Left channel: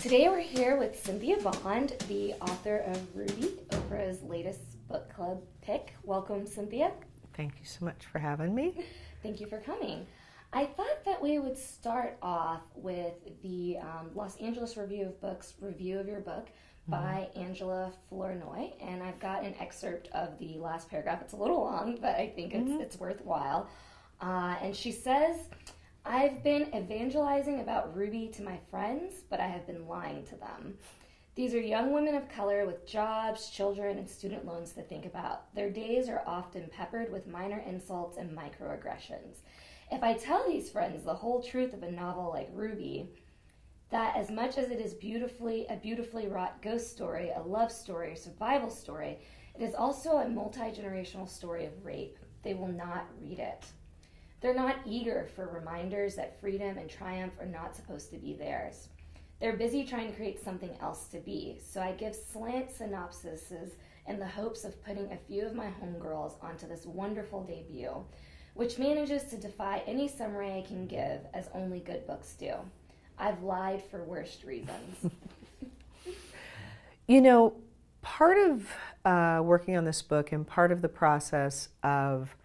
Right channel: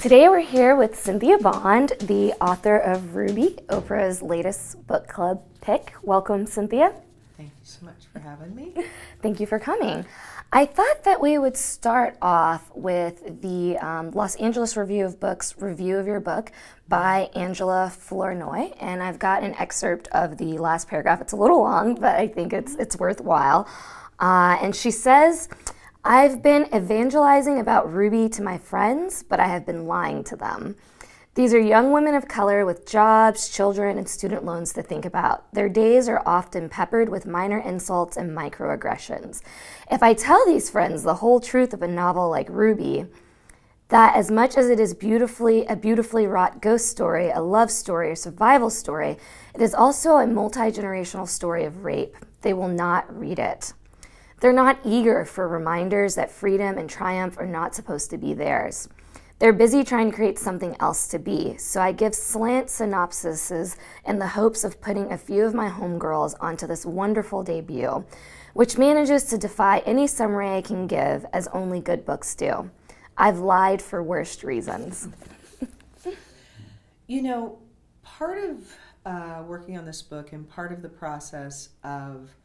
Today we're here with Cynthia Bond, the author of Ruby, Oprah's latest book club pick. Welcome, Cynthia. Thank you so much for having me. Thank you for coming. I thought that we would start off with the Los Angeles Review of Books review of your book by Angela Flournoy, and I've got an excerpt of the last paragraph. It's a little long, but I think it's worthwhile. And she says, "I've been evangelizing about Ruby to my friends, but I have been lying to them. These are young women of color with jobs, children, and student loans to think about. Their days are often peppered with minor insults and microaggressions. If I tell these friends the whole truth of a novel like Ruby, that as much as it is a beautifully wrought ghost story, a love story, a survival story, it is also a multi-generational story of rape, they will not read it. They're not eager for reminders that freedom and triumph are not supposed to be theirs. They're busy trying to create something else to be, so I give slant synopsises in the hopes of putting a few of my homegirls onto this wonderful debut, which manages to defy any summary I can give, as only good books do. I've lied for worst reasons." You know, part of working on this book and part of the process of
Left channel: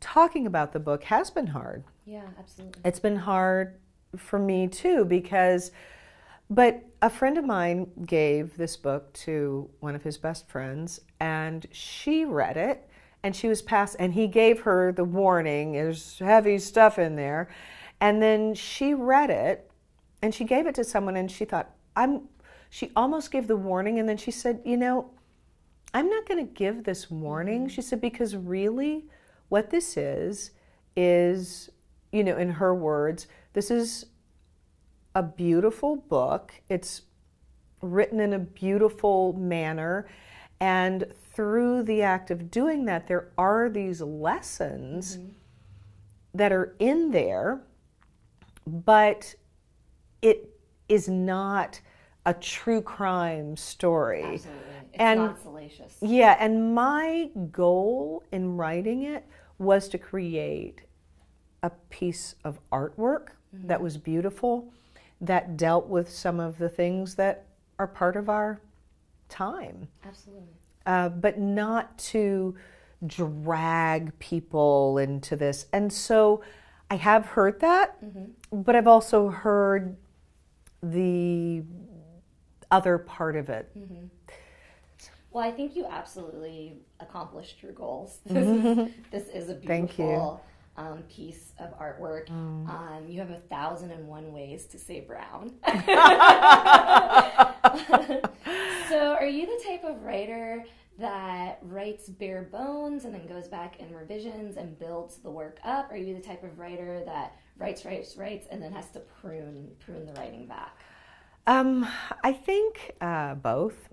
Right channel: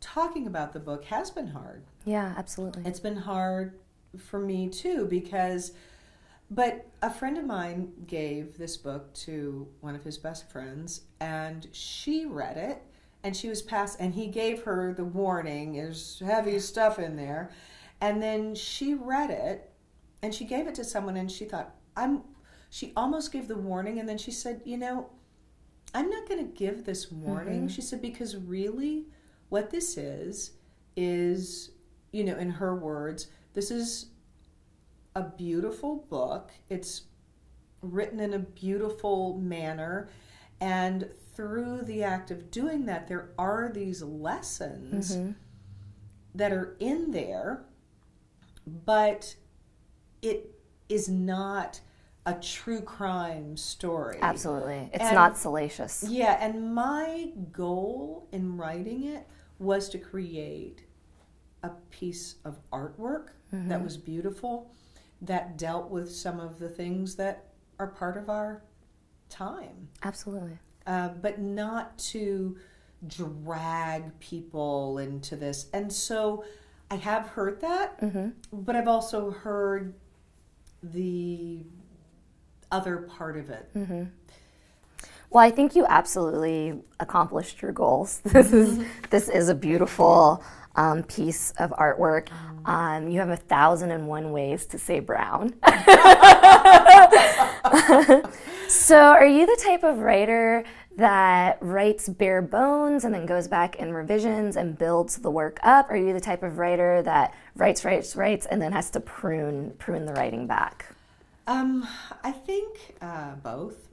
talking about the book has been hard. Yeah, absolutely. It's been hard for me too but a friend of mine gave this book to one of his best friends, and she read it, and she was and he gave her the warning, there's heavy stuff in there, and then she read it, and she gave it to someone, and she thought, she almost gave the warning, and then she said, you know, I'm not going to give this warning. She said, because really what this is, you know, in her words, this is a beautiful book. It's written in a beautiful manner, and through the act of doing that, there are these lessons that are in there, but it is not a true crime story. Absolutely. It's not salacious. Yeah, and my goal in writing it was to create a piece of artwork that was beautiful, that dealt with some of the things that are part of our time. Absolutely. But not to drag people into this. And so I have heard that, but I've also heard the other part of it. Well, I think you absolutely accomplished your goals. This is a beautiful piece of artwork. You have 1,001 ways to say brown. So are you the type of writer that writes bare bones and then goes back and revisions and builds the work up? Or are you the type of writer that writes, and then has to prune the writing back? I think both.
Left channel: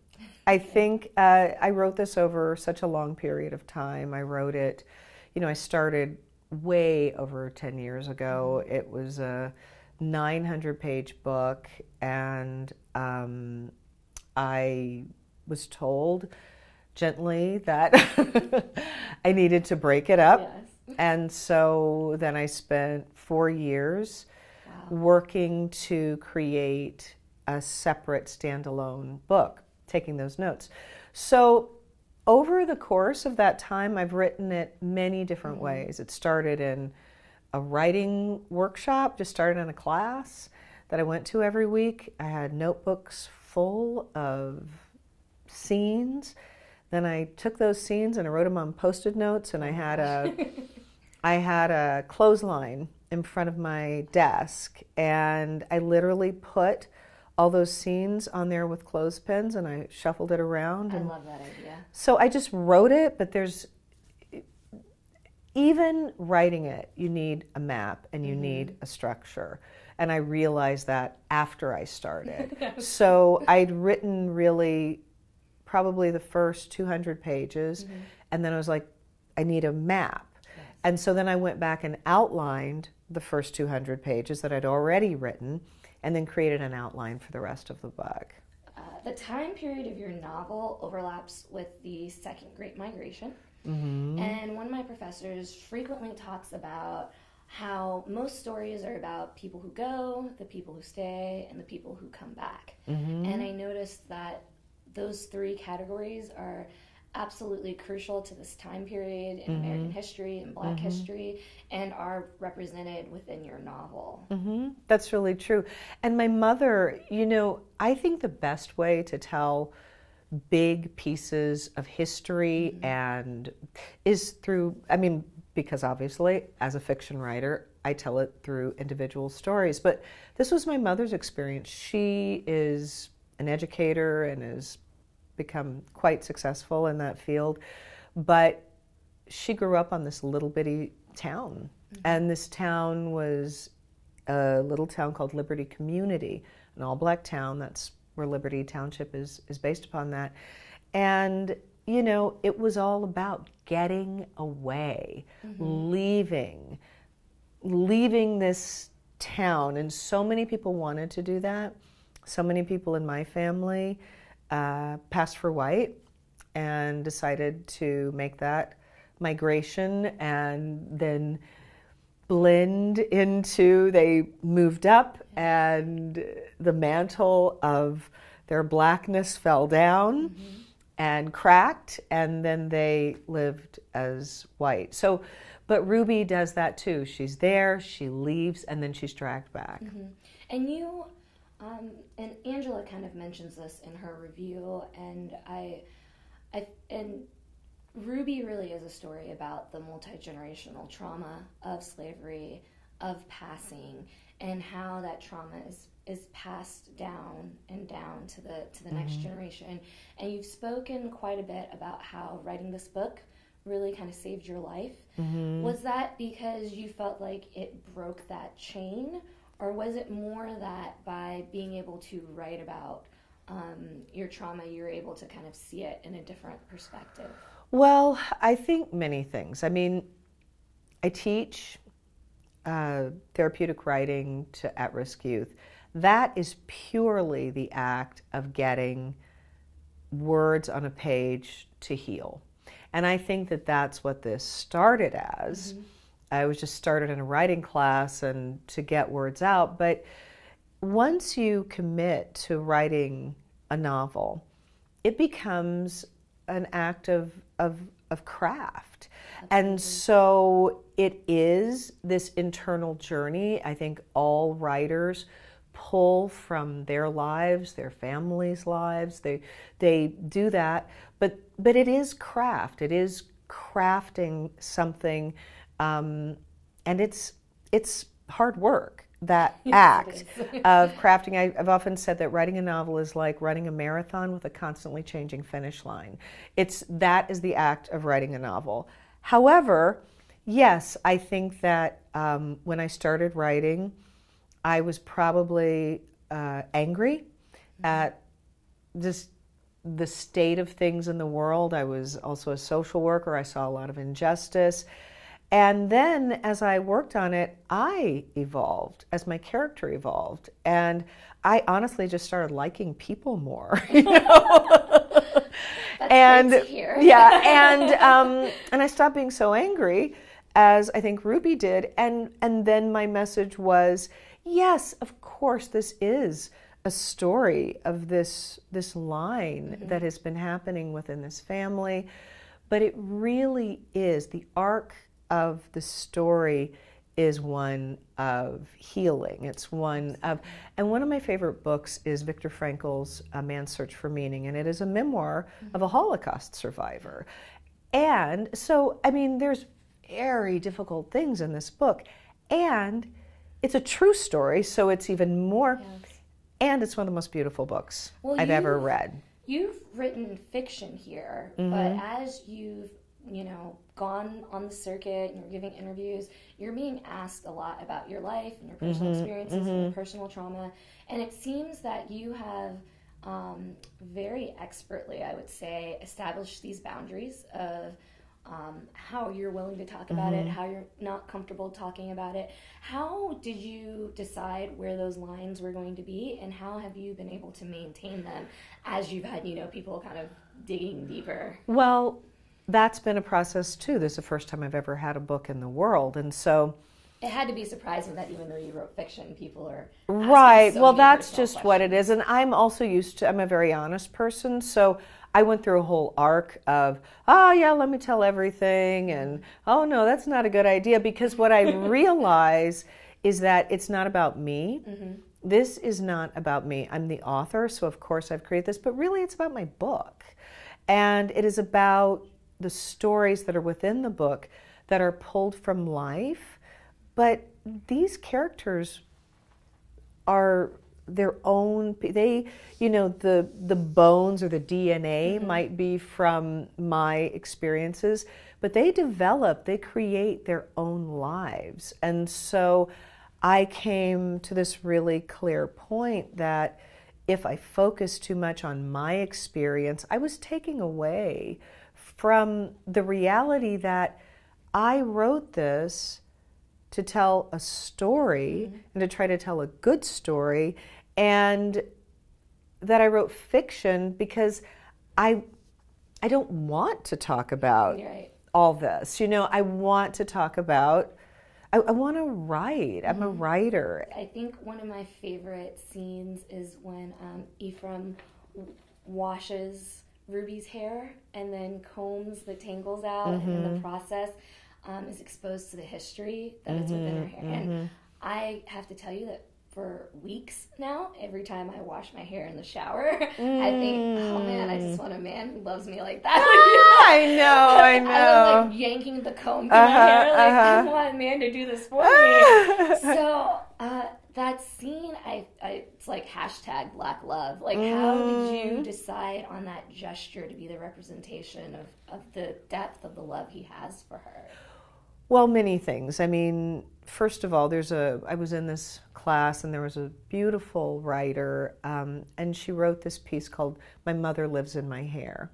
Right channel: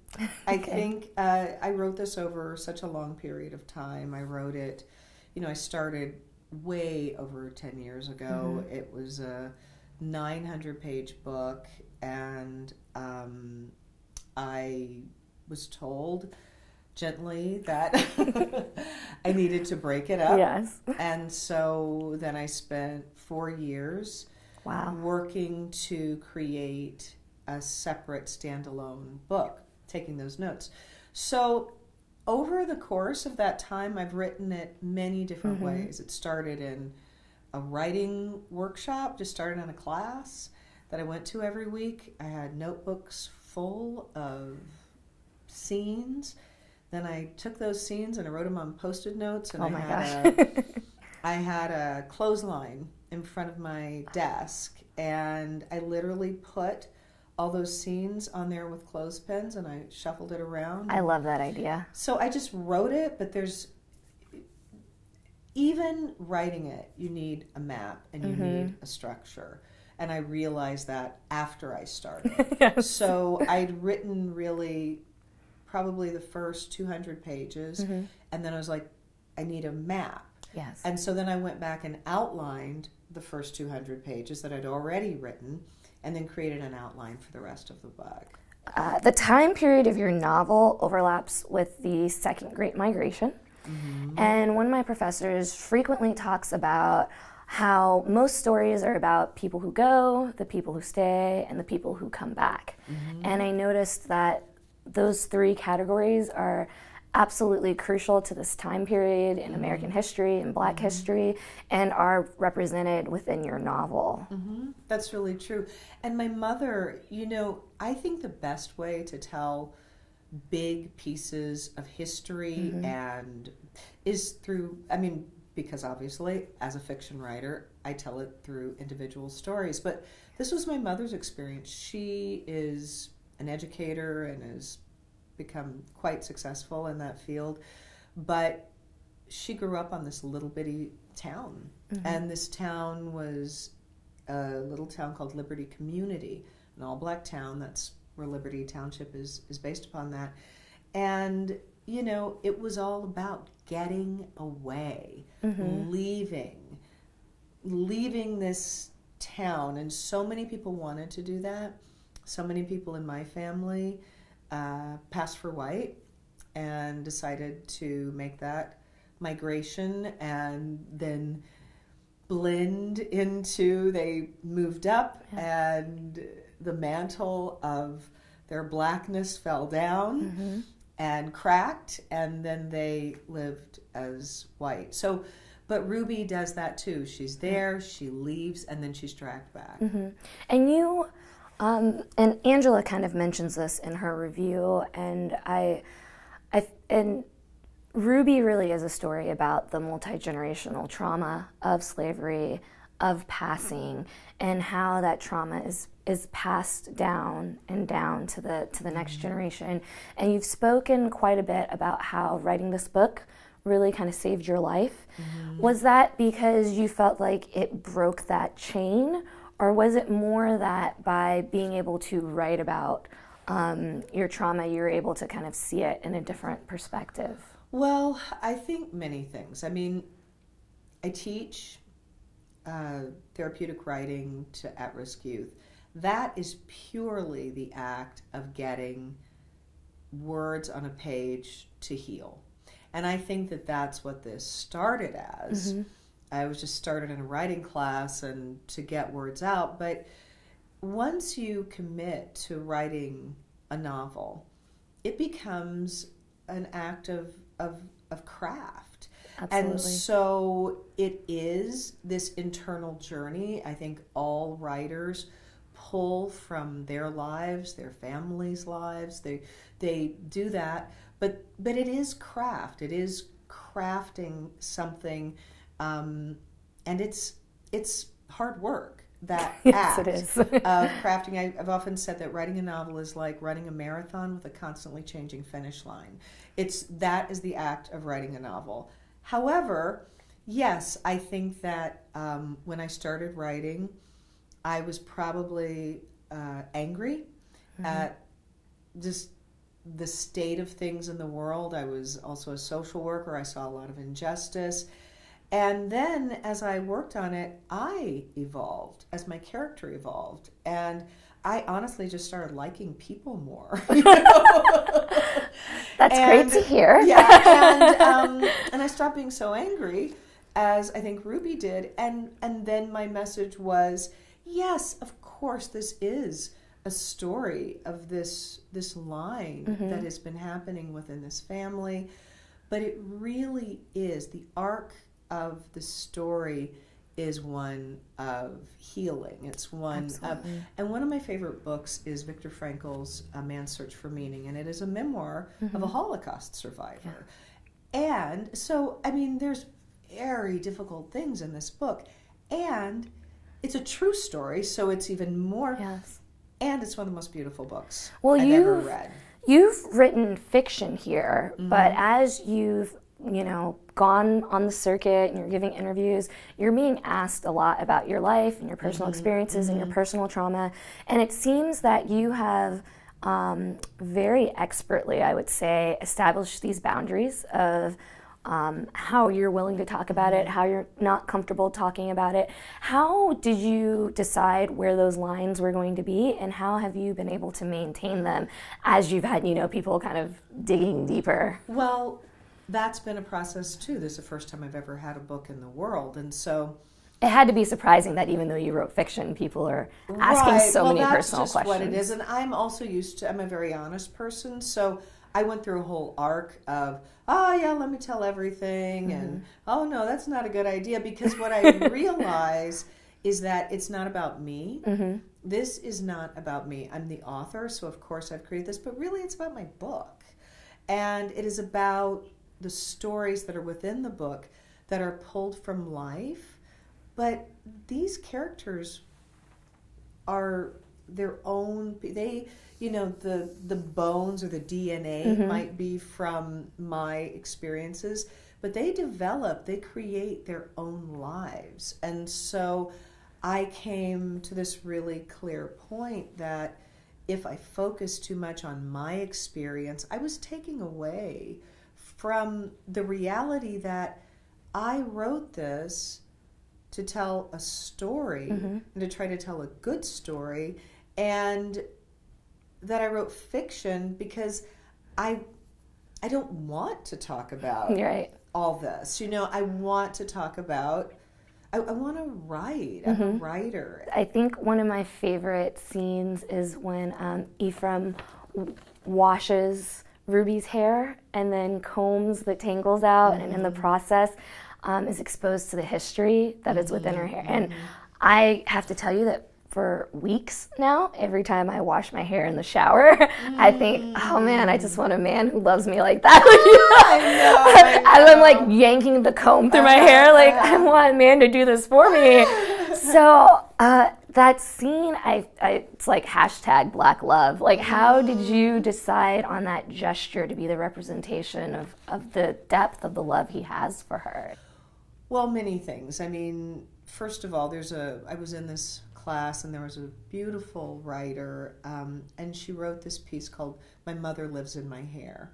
I think I wrote this over such a long period of time. I wrote it, you know, I started way over 10 years ago. It was a 900-page book, and I was told gently that I needed to break it up. Yes. And so then I spent 4 years working to create a separate standalone book, taking those notes. So over the course of that time, I've written it many different ways. It started in a writing workshop, just started in a class that I went to every week. I had notebooks full of scenes. Then I took those scenes and I wrote them on Post-it notes, and I had a clothesline in front of my desk, and I literally put all those scenes on there with clothespins, and I shuffled it around. I love that idea. So I just wrote it, but even writing it, you need a map and you need a structure. And I realized that after I started. Yes. So I'd written really probably the first 200 pages, and then I was like, I need a map. Yes. And so then I went back and outlined the first 200 pages that I'd already written, and then created an outline for the rest of the book. The time period of your novel overlaps with the Second Great Migration. And one of my professors frequently talks about how most stories are about people who go, the people who stay, and the people who come back. And I noticed that those three categories are absolutely crucial to this time period in American history and Black history, and are represented within your novel. That's really true. And my mother, you know, I think the best way to tell big pieces of history and is through, I mean, because obviously as a fiction writer, I tell it through individual stories. But this was my mother's experience. She is an educator and has become quite successful in that field. But she grew up on this little bitty town. And this town was a little town called Liberty Community, an all-Black town. That's where Liberty Township is based upon that. And, you know, it was all about getting away, leaving this town. And so many people wanted to do that. So many people in my family passed for white and decided to make that migration and then blend into, they moved up and the mantle of their Blackness fell down and cracked, and then they lived as white. So, but Ruby does that too. She's there, she leaves, and then she's dragged back. And you, and Angela kind of mentions this in her review, and and Ruby really is a story about the multi-generational trauma of slavery, of passing, and how that trauma is passed down and down to the next generation. And you've spoken quite a bit about how writing this book really kind of saved your life. Was that because you felt like it broke that chain, or was it more that by being able to write about your trauma, you were able to kind of see it in a different perspective? Well, I think many things. I mean, I teach therapeutic writing to at-risk youth. That is purely the act of getting words on a page to heal. And I think that that's what this started as. I was just started in a writing class and to get words out. But once you commit to writing a novel, it becomes an act of craft. Absolutely. And so it is this internal journey. I think all writers pull from their lives, their families' lives. They do that, but it is craft. It is crafting something, and it's hard work. That act of crafting. I've often said that writing a novel is like running a marathon with a constantly changing finish line. That is the act of writing a novel. However, yes, I think that when I started writing, I was probably angry at just the state of things in the world. I was also a social worker. I saw a lot of injustice. And then as I worked on it, I evolved as my character evolved. And I honestly just started liking people more. You know? That's great to hear. Yeah, and I stopped being so angry as I think Ruby did. And then my message was, yes, of course, this is a story of this line that has been happening within this family. But it really is the arc of the story is one of healing. It's one of, and one of my favorite books is Viktor Frankl's A Man's Search for Meaning, and it is a memoir of a Holocaust survivor. And so, I mean, there's very difficult things in this book, and it's a true story, so it's even more, and it's one of the most beautiful books I've ever read. You've written fiction here, but as you've gone on the circuit and you're giving interviews, you're being asked a lot about your life and your personal experiences and your personal trauma. And it seems that you have very expertly, I would say, established these boundaries of how you're willing to talk about it, how you're not comfortable talking about it. How did you decide where those lines were going to be, and how have you been able to maintain them as you've had, people kind of digging deeper? Well, that's been a process too. This is the first time I've ever had a book in the world. And so It had to be surprising that even though you wrote fiction, people are asking Right. so Well, many that's personal just questions. what it is. And I'm also used to, I'm a very honest person. So I went through a whole arc of, oh, yeah, let me tell everything. And, oh, no, that's not a good idea. Because what I realize is that it's not about me. This is not about me. I'm the author, so of course I've created this. But really, it's about my book. And it is about the stories that are within the book that are pulled from life. But these characters are their own, they, you know, the bones or the DNA might be from my experiences, but they develop, they create their own lives. And so I came to this really clear point that if I focused too much on my experience, I was taking away from the reality that I wrote this to tell a story and to try to tell a good story, and that I wrote fiction because I don't want to talk about all this. You know, I want to talk about, I want to write. I'm a writer. I think one of my favorite scenes is when Ephraim washes Ruby's hair and then combs the tangles out, and in the process is exposed to the history that is within her hair. And I have to tell you that for weeks now, every time I wash my hair in the shower, I think, oh man, I just want a man who loves me like that. I know. I'm like yanking the comb through my hair, like I want a man to do this for me. So that scene, it's like hashtag Black Love. Like, how did you decide on that gesture to be the representation of the depth of the love he has for her? Well, many things. I mean, first of all, I was in this class and there was a beautiful writer, and she wrote this piece called My Mother Lives in My Hair.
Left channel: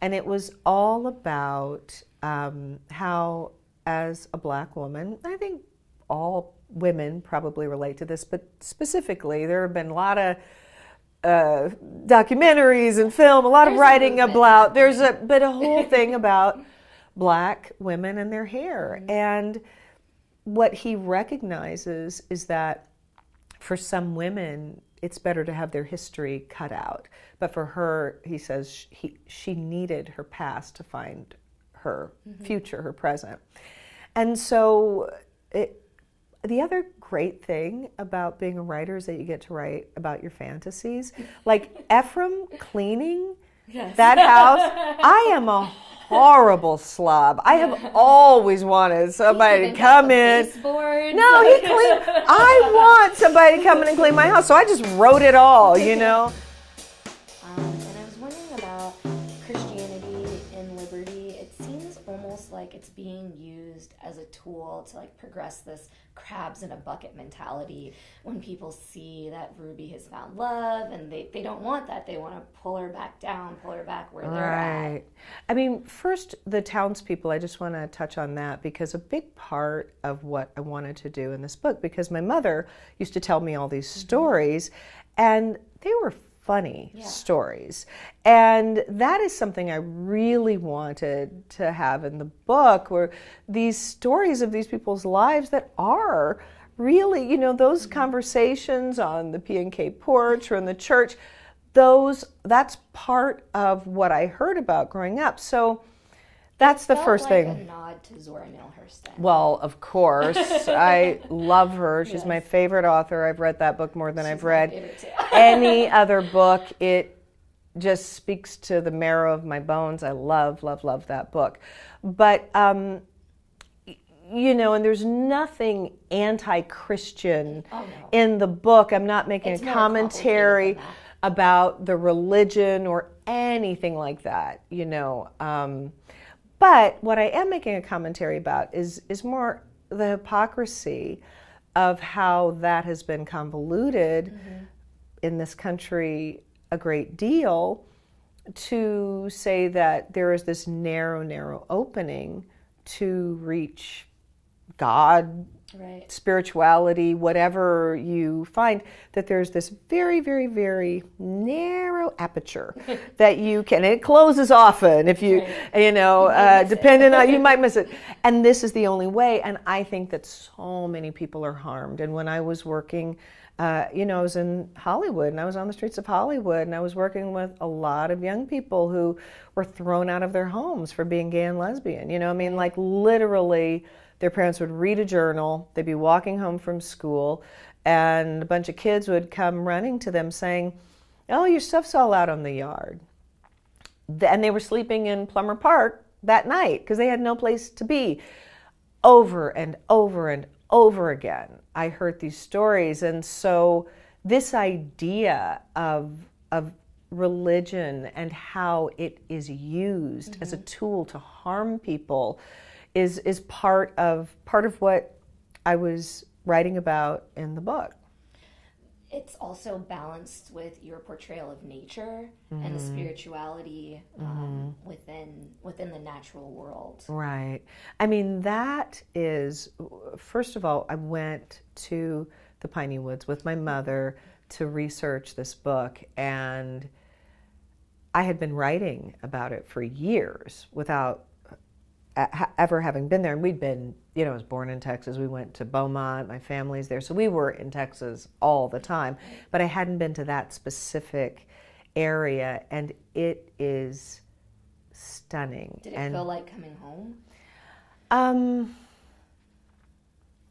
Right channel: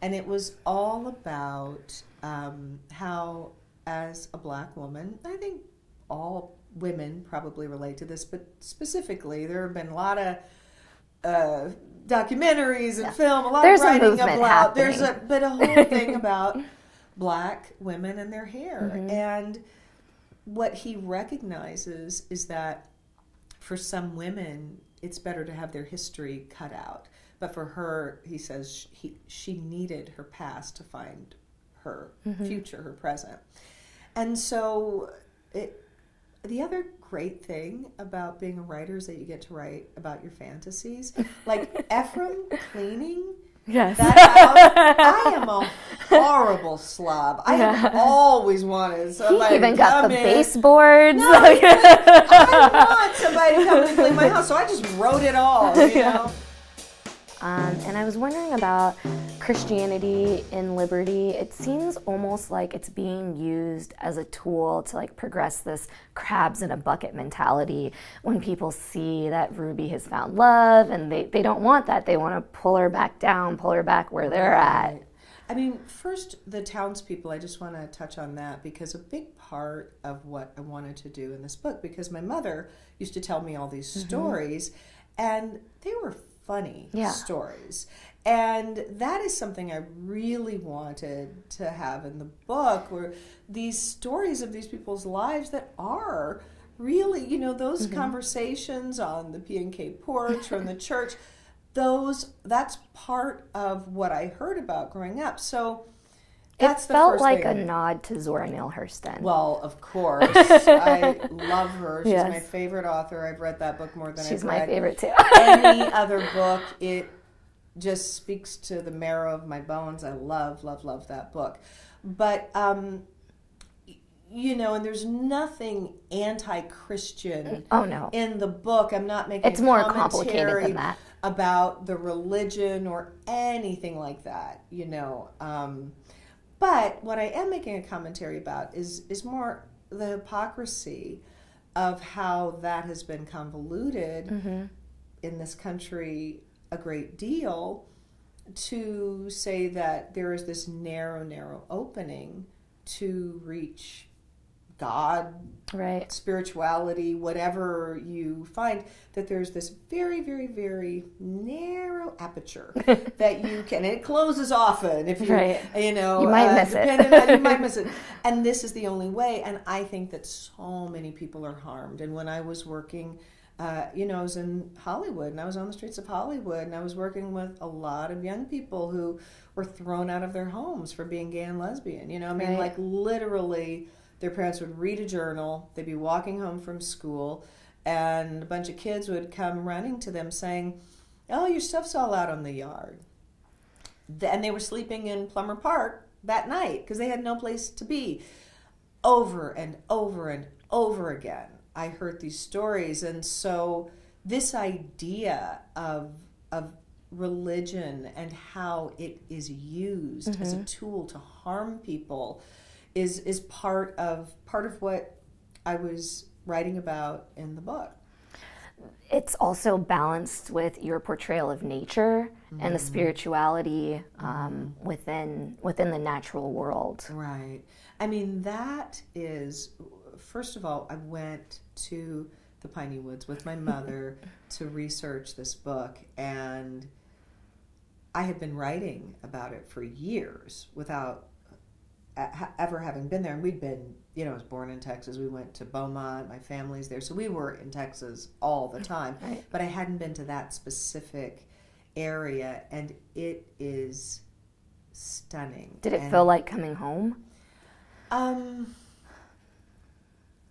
And it was all about how, as a Black woman, I think all women probably relate to this, but specifically there have been a lot of documentaries and film, a lot of writing about, but a whole thing about Black women and their hair. And what he recognizes is that for some women, it's better to have their history cut out. But for her, he says she needed her past to find her future, her present. And so the other great thing about being a writer is that you get to write about your fantasies. Like Ephraim cleaning that house. I am a horrible slob. I have always wanted somebody to come in. Baseboards. No, I want somebody to come in and clean my house. So I just wrote it all, you know. And I was wondering about Christianity in Liberty. It seems almost like it's being used as a tool to like progress this crabs in a bucket mentality when people see that Ruby has found love and they don't want that. They want to pull her back down, pull her back where they're at. I mean, first, the townspeople, I just want to touch on that because a big part of what I wanted to do in this book, because my mother used to tell me all these stories, and they were funny stories. And that is something I really wanted to have in the book, where these stories of these people's lives that are really, you know, those conversations on the P&K porch or in the church, that's part of what I heard about growing up. So that's the first thing. It felt like a nod to Zora Neale Hurston. Well, of course. I love her. She's my favorite author. I've read that book more than I've read my favorite too. any other book. It just speaks to the marrow of my bones. I love, love, love that book. But, you know, and there's nothing anti-Christian in the book. I'm not making a commentary about the religion or anything like that, you know. But what I am making a commentary about is more the hypocrisy of how that has been convoluted in this country a great deal, to say that there is this narrow opening to reach God right. spirituality, whatever you find, that there's this very, very, very narrow aperture that you can, and it closes often if you, right. you know, depending on, you might miss it. And this is the only way. And I think that so many people are harmed. And when I was working, you know, I was in Hollywood, and I was on the streets of Hollywood, and I was working with a lot of young people who were thrown out of their homes for being gay and lesbian. You know, I mean, right. like literally, their parents would read a journal, they'd be walking home from school, and a bunch of kids would come running to them saying, "Oh, your stuff's all out on the yard." And they were sleeping in Plummer Park that night because they had no place to be. Over and over and over again, I heard these stories. And so this idea of religion and how it is used as a tool to harm people is part of what I was writing about in the book. It's also balanced with your portrayal of nature and the spirituality within the natural world. Right. I mean, that is, first of all, I went to the Piney Woods with my mother to research this book, and I had been writing about it for years without ever having been there. And we'd been, you know, I was born in Texas. We went to Beaumont. My family's there. So we were in Texas all the time. Right. But I hadn't been to that specific area, and it is stunning. Did it feel like coming home?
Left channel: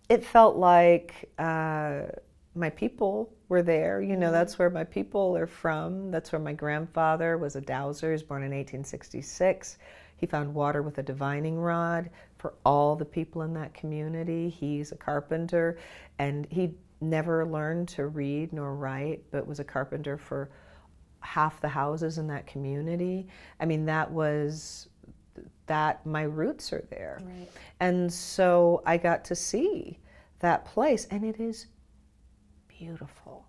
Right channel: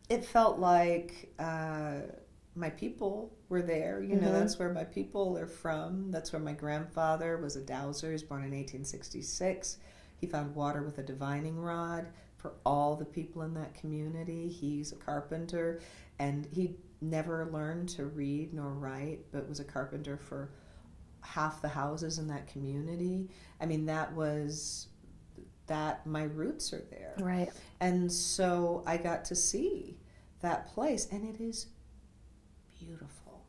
It felt like my people were there. You know, that's where my people are from. That's where my grandfather was a dowser. He was born in 1866. He found water with a divining rod for all the people in that community. He's a carpenter, and he never learned to read nor write, but was a carpenter for half the houses in that community. I mean, my roots are there. Right. And so I got to see that place, and it is beautiful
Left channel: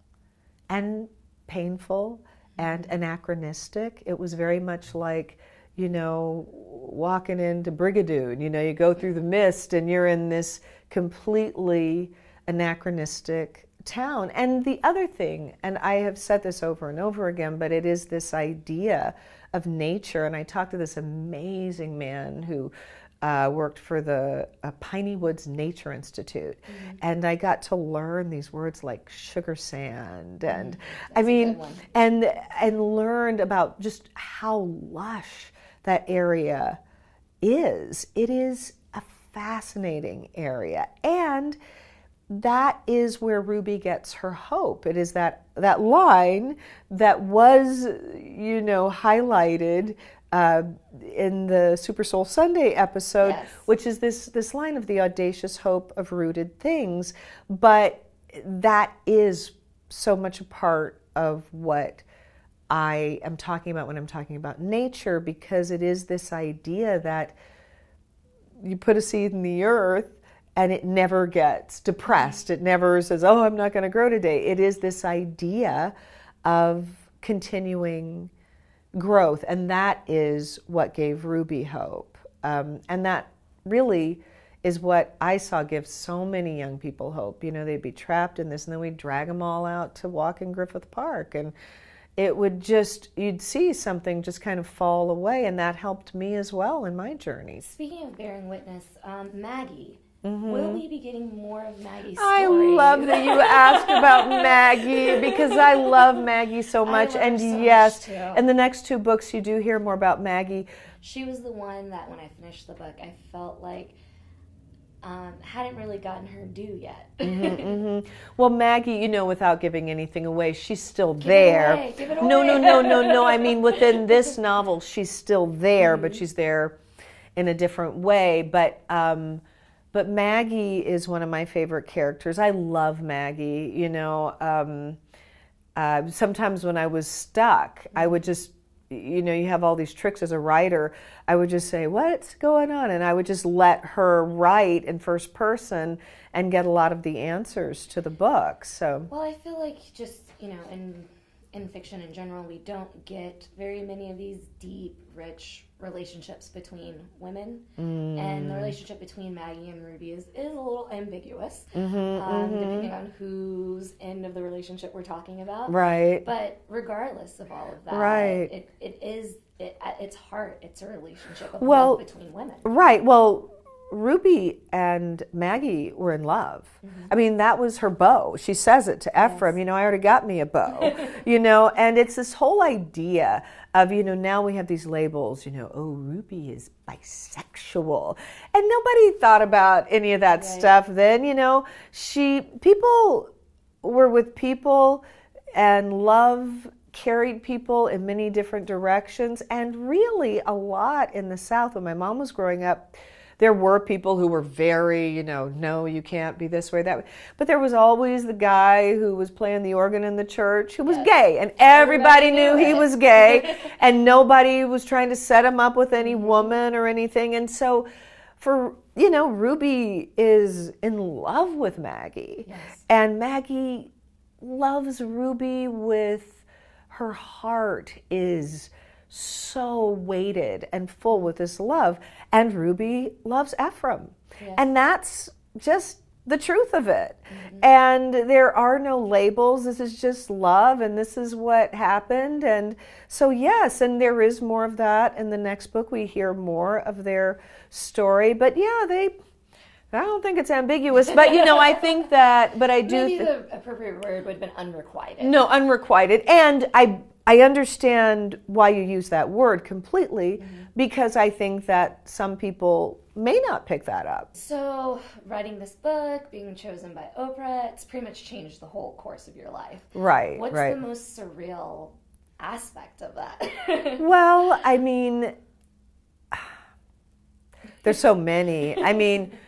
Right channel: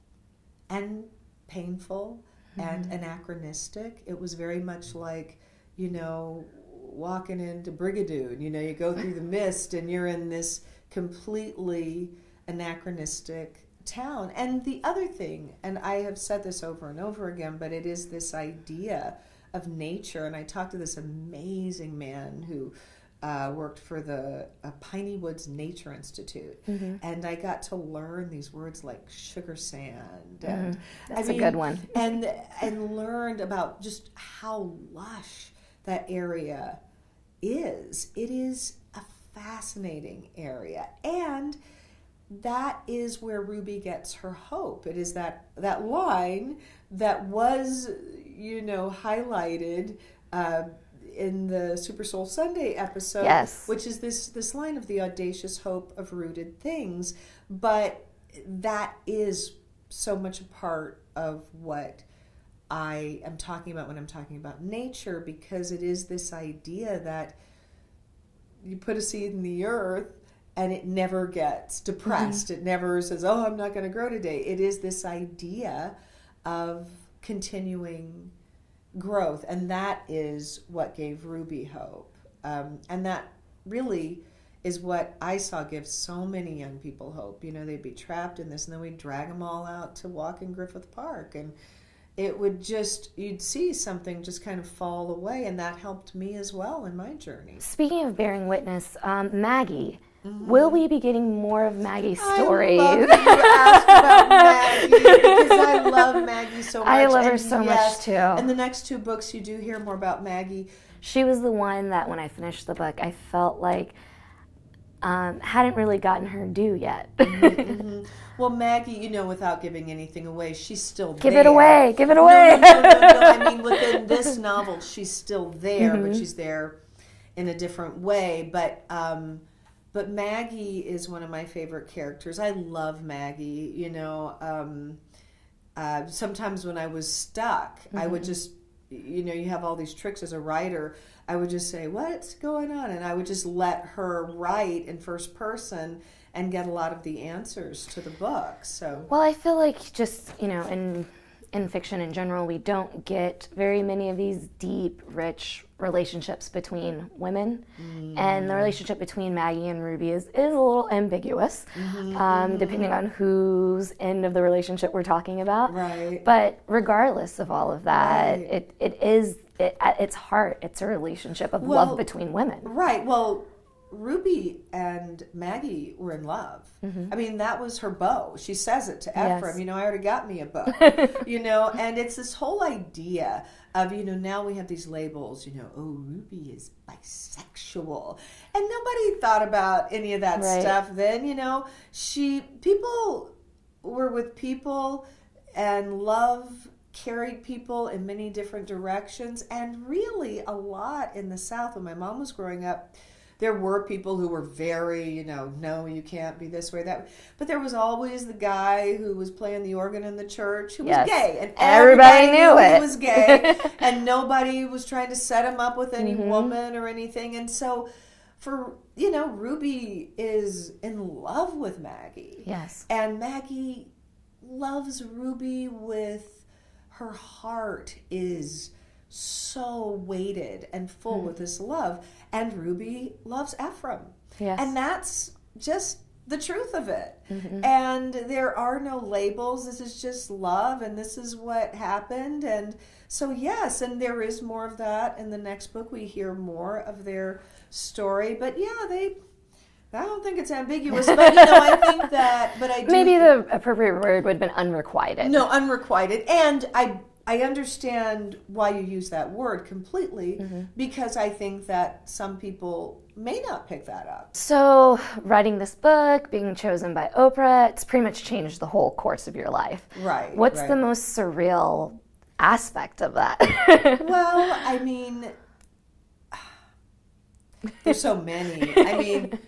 and painful and anachronistic. It was very much like, you know, walking into Brigadoon. You know, you go through the mist and you're in this completely anachronistic town. And the other thing, and I have said this over and over again, but it is this idea of nature. And I talked to this amazing man who worked for the Piney Woods Nature Institute, and I got to learn these words like sugar sand, and That's a good one. and learned about just how lush that area is. It is a fascinating area, and that is where Ruby gets her hope. It is that line that was, you know, highlighted in the Super Soul Sunday episode, yes, which is this line of the audacious hope of rooted things. But that is so much a part of what I am talking about when I'm talking about nature, because it is this idea that you put a seed in the earth and it never gets depressed. It never says, "Oh, I'm not going to grow today." It is this idea of continuing growth, and that is what gave Ruby hope. And that really is what I saw give so many young people hope. You know, they'd be trapped in this, and then we'd drag them all out to walk in Griffith Park, and it would just, you'd see something just kind of fall away, and that helped me as well in my journey. Speaking of bearing witness, Maggie, will we be getting more of Maggie's stories? I love that you asked about Maggie, because I love Maggie so much. I love her so much too. In the next two books, you do hear more about Maggie. She was the one that when I finished the book, I felt like hadn't really gotten her due yet. Well, Maggie, you know, without giving anything away, she's still Give there. It away. Give it away. No. I mean, within this novel, she's still there, but she's there in a different way. But Maggie is one of my favorite characters. I love Maggie. You know, sometimes when I was stuck, I would just, you know, you have all these tricks as a writer. I would just say, "What's going on?" And I would just let her write in first person and get a lot of the answers to the book. So, well, I feel like just, you know, in fiction in general, we don't get very many of these deep, rich relationships between women. And the relationship between Maggie and Ruby is a little ambiguous, depending on whose end of the relationship we're talking about. Right. But regardless of all of that, it is, at its heart, it's a relationship of love between women. Right. Well, Ruby and Maggie were in love. I mean, that was her beau. She says it to Ephraim, you know, I already got me a beau, you know, and it's this whole idea of, you know, now we have these labels, you know, oh, Ruby is bisexual. And nobody thought about any of that stuff then, you know. People were with people, and love carried people in many different directions. And really a lot in the South, when my mom was growing up, there were people who were very, you know, no, you can't be this way, that way. But there was always the guy who was playing the organ in the church who was gay. And everybody knew he was gay. And nobody was trying to set him up with any woman or anything. And so, you know, Ruby is in love with Maggie. Yes. And Maggie loves Ruby with her heart is so weighted and full with this love, and Ruby loves Ephraim. Yes. And that's just the truth of it. And there are no labels. This is just love, and this is what happened. And so yes, and there is more of that in the next book. We hear more of their story, but yeah, I don't think it's ambiguous, but you know, I think that, but I do maybe the appropriate word would have been unrequited. No, unrequited. And I understand why you use that word completely, because I think that some people may not pick that up. So, writing this book, being chosen by Oprah, it's pretty much changed the whole course of your life. Right. What's the most surreal aspect of that? Well, I mean, there's so many. I mean,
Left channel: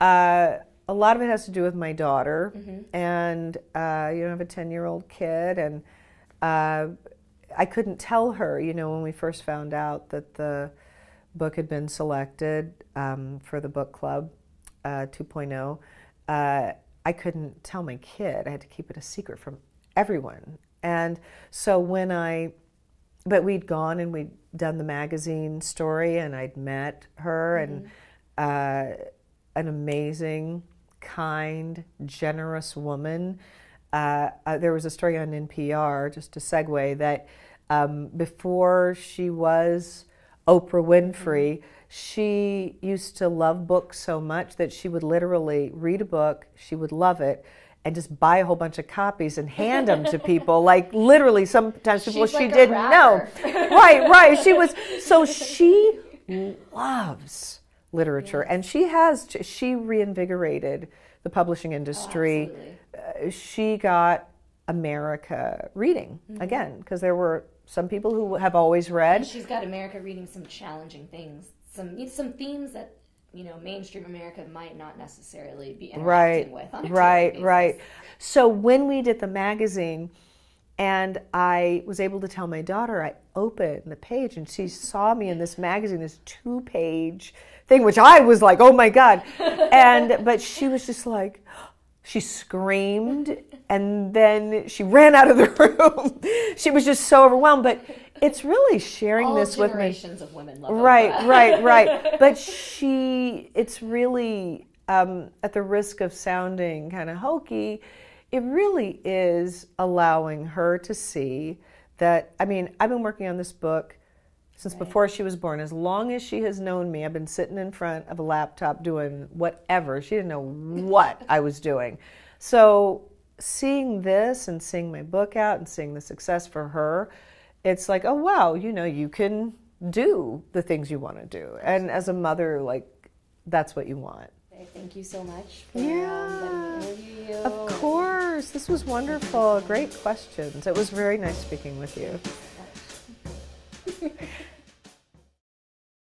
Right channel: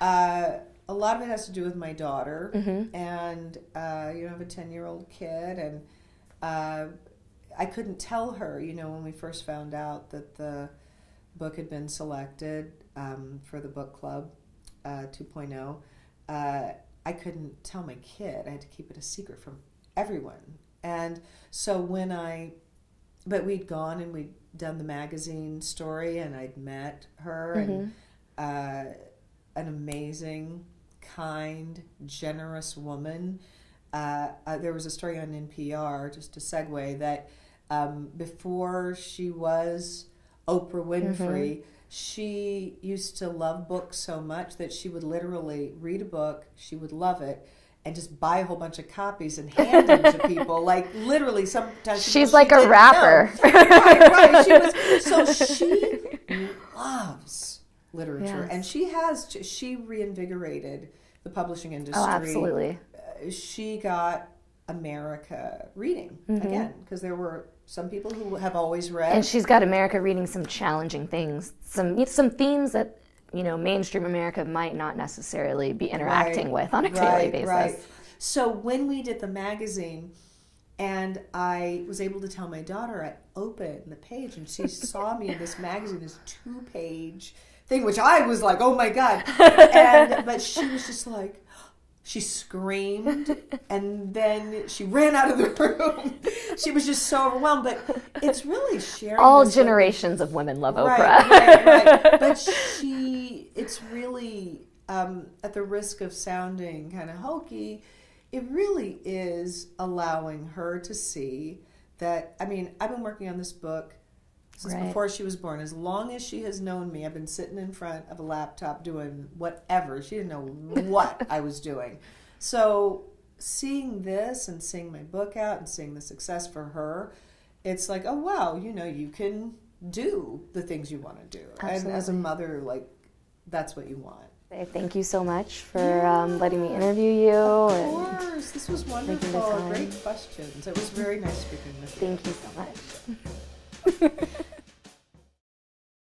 a lot of it has to do with my daughter, and you know, I have a 10-year-old kid, and I couldn't tell her, you know, when we first found out that the book had been selected for the book club 2.0, I couldn't tell my kid. I had to keep it a secret from everyone. And so but we'd gone and we'd done the magazine story, and I'd met her, and an amazing, kind, generous woman. There was a story on NPR, just to segue, that before she was Oprah Winfrey, she used to love books so much that she would literally read a book, she would love it, and just buy a whole bunch of copies and hand them to people. Like literally, sometimes she's like a rapper. Right. She loves literature, and she reinvigorated the publishing industry. Oh, absolutely. She got America reading again, because there were some people who have always read, and she's got America reading some challenging things, some themes that, you know, mainstream America might not necessarily be interacting with on a daily basis. Right. So when we did the magazine, and I was able to tell my daughter, I opened the page, and she saw me in this magazine, this 2-page thing, which I was like, oh my God. But she was just like, she screamed, and then she ran out of the room. She was just so overwhelmed. But it's really sharing all this generations of women love Oprah. Right. But it's really, at the risk of sounding kind of hokey, it really is allowing her to see that, I mean, I've been working on this book since before she was born. As long as she has known me, I've been sitting in front of a laptop doing whatever. She didn't know what I was doing. So seeing this and seeing my book out and seeing the success for her, it's like, oh, wow, you know, you can do the things you want to do. Absolutely. And as a mother, like, that's what you want. Thank you so much for letting me interview you. Of course. This was wonderful. Great questions. It was very nice speaking with you. Thank you so much.